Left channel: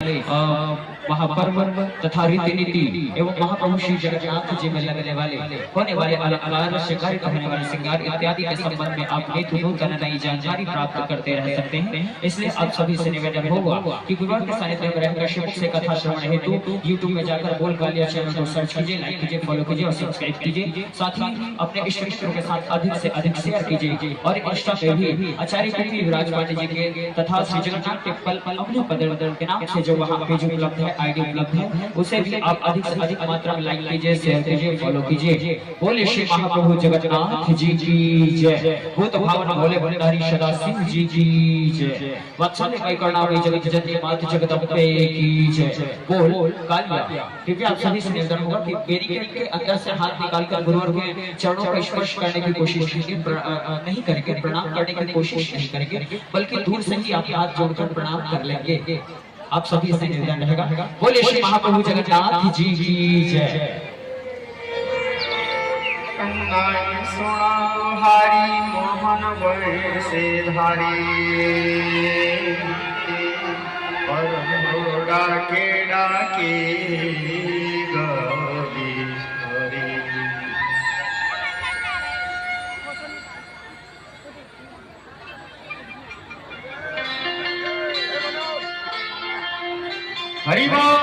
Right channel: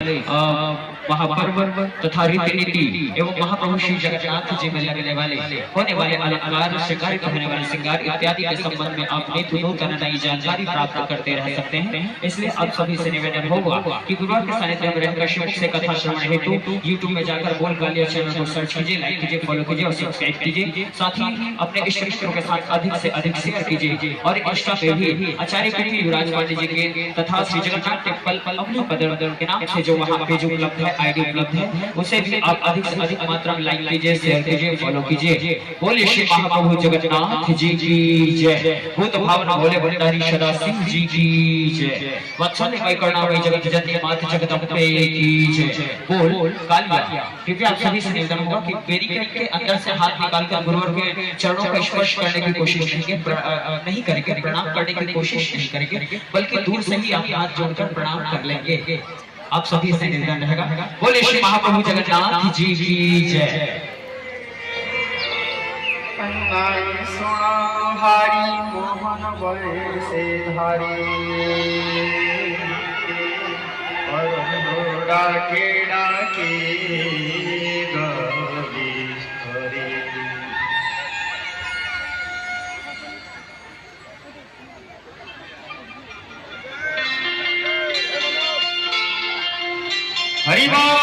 महापर्व तथा रीति नीति एवं महाप्रभु श्री जगन्नाथ जी में लगने वाले होने वाले अलंकार श्रृंगार होने वाले श्रृंगार इत्यादि के संबंध में आप नित्य नूतन नई जानकारी प्राप्त करते रह सकते हैं। इसलिए आप सभी से निवेदन होगा कि गुरुवार के सानिध्य में रहकर श्री मुख से कथा श्रवण हेतु यूट्यूब में जाकर बोल गालिया चैनल को सर्च कीजिए, लाइक कीजिए, फॉलो कीजिए और सब्सक्राइब कीजिए। साथ ही अपने इष्ट मित्रों के साथ अधिक से अधिक शेयर कीजिए और इंस्टा पे भी आचार्य पृथ्वी विराज पांडे जी के तथा श्री जगन्नाथ टेम्पल अपने पदर के नाम से जो वहाँ पे जो उपलब्ध है, आईडी उपलब्ध है, उसे भी आप अधिक से अधिक मात्रा में लाइक कीजिए, शेयर कीजिए, फॉलो कीजिए। बोले श्री महाप्रभु जगन्नाथ जी की जय। भूत भावना भोले भंडारी सदा सिंह जी की जय। वत्सल्य मई करुणामयी जगत जननी मात जगदम्बे की जय। बोल कालिया। कृपया आप सभी से निवेदन होगा कि बैरिकेड के अंदर से हाथ निकालकर गुरुवर के चरणों का स्पर्श करने की कोशिश नहीं करेंगे, प्रणाम करने की कोशिश नहीं करेंगे, बल्कि दूर से ही आप हाथ जोड़कर प्रणाम कर लेंगे। आप सभी से निवेदन रहेगा। बोले श्री महाप्रभु जगन्नाथ जी की जय। हरि मोहन वैसे धारी डाके डाके गौरी हरि। हरि बोल।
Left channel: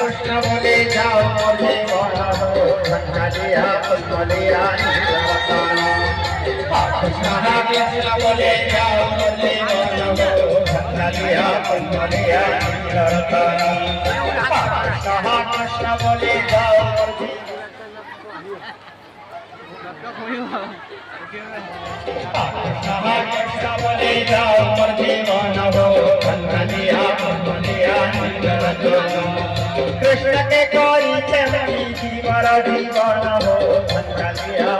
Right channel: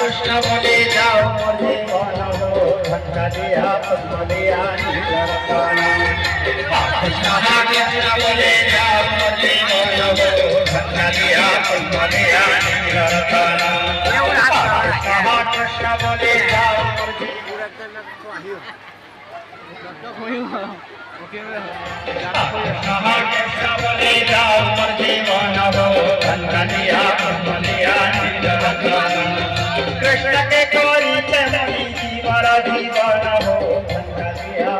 कृष्ण बोले जाओ बोले भंगा दिया बोलिया कृष्ण बोले जाओ बोले भंगा दिया बोलिया कृष्ण बोले जाओ कृष्ण बोले जाओ भंगा दिया बोलिया कृष्ण के कोई चमनी दीवारा दीवाना हो भंगा दिया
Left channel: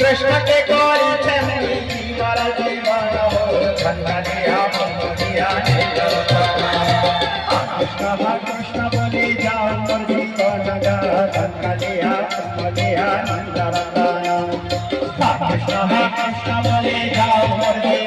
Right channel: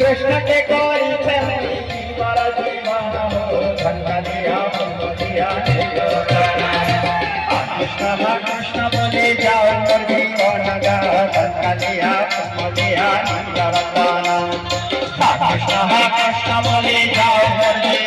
कृष्ण के कोई चमनी दीवारा दीवाना हो भंगा दिया कृष्ण बोले जाओ मुर्गी को नगा भंगा दिया कृष्ण बोले जाओ मुर्गी